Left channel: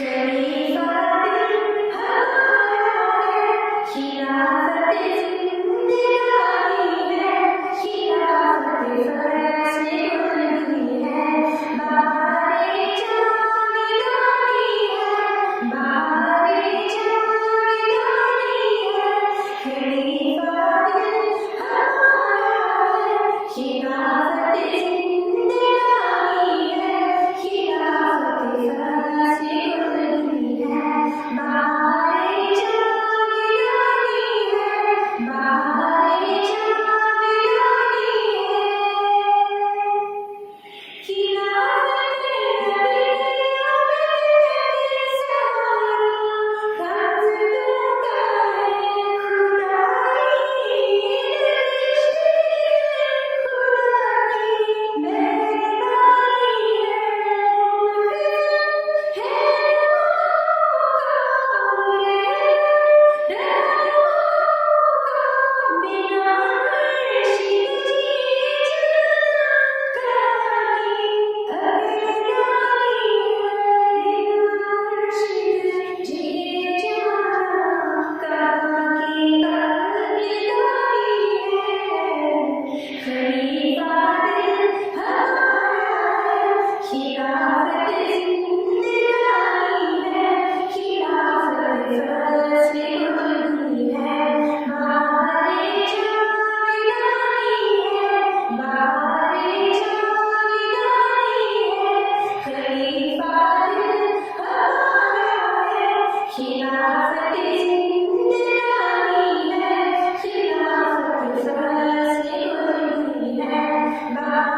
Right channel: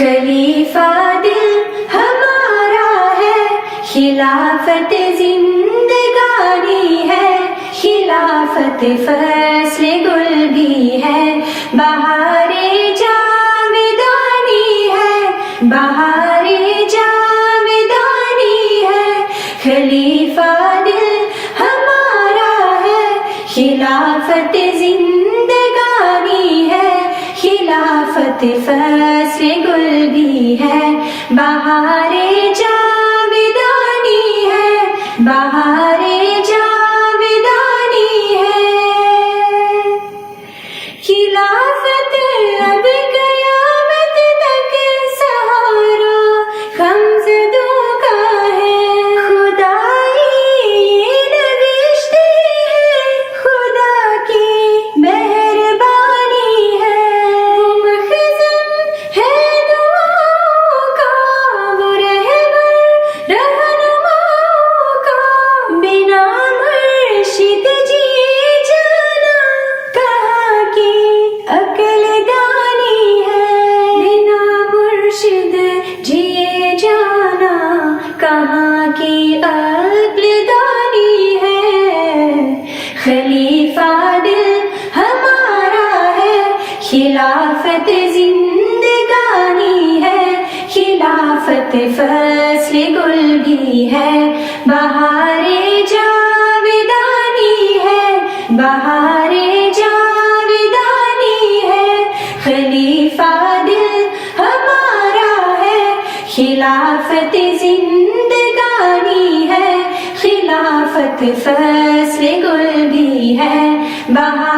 خلیفہ دل ہمارا ہے، خلافت زندگانی ہے، خلافت فصل گل بھی ہے، بہار جاودانی ہے، بہار جاودانی ہے۔ خلیفہ دل ہمارا ہے، خلافت زندگانی ہے، خلافت فصل گل بھی ہے، بہار جاودانی ہے، بہار جاودانی ہے۔ خلافت اب قیامت تک سہارا غمزدوں کا ہے، خدائی نوشتے ہے، خدا کی مہربانی ہے۔ وہ مخزن ہے دعاؤں کا، وہ رہبر رہنماؤں کا، بنا مرشد جیے جانا کہاں کی عقل دانی ہے، بنا مرشد جیے جانا کہاں کی عقل دانی ہے۔ خلیفہ دل ہمارا ہے، خلافت زندگانی ہے، خلافت فصل گل بھی ہے، بہار جاودانی ہے، بہار جاودانی ہے۔ خلیفہ دل ہمارا ہے، خلافت زندگانی ہے، خلافت فصل گل بھی ہے، بہار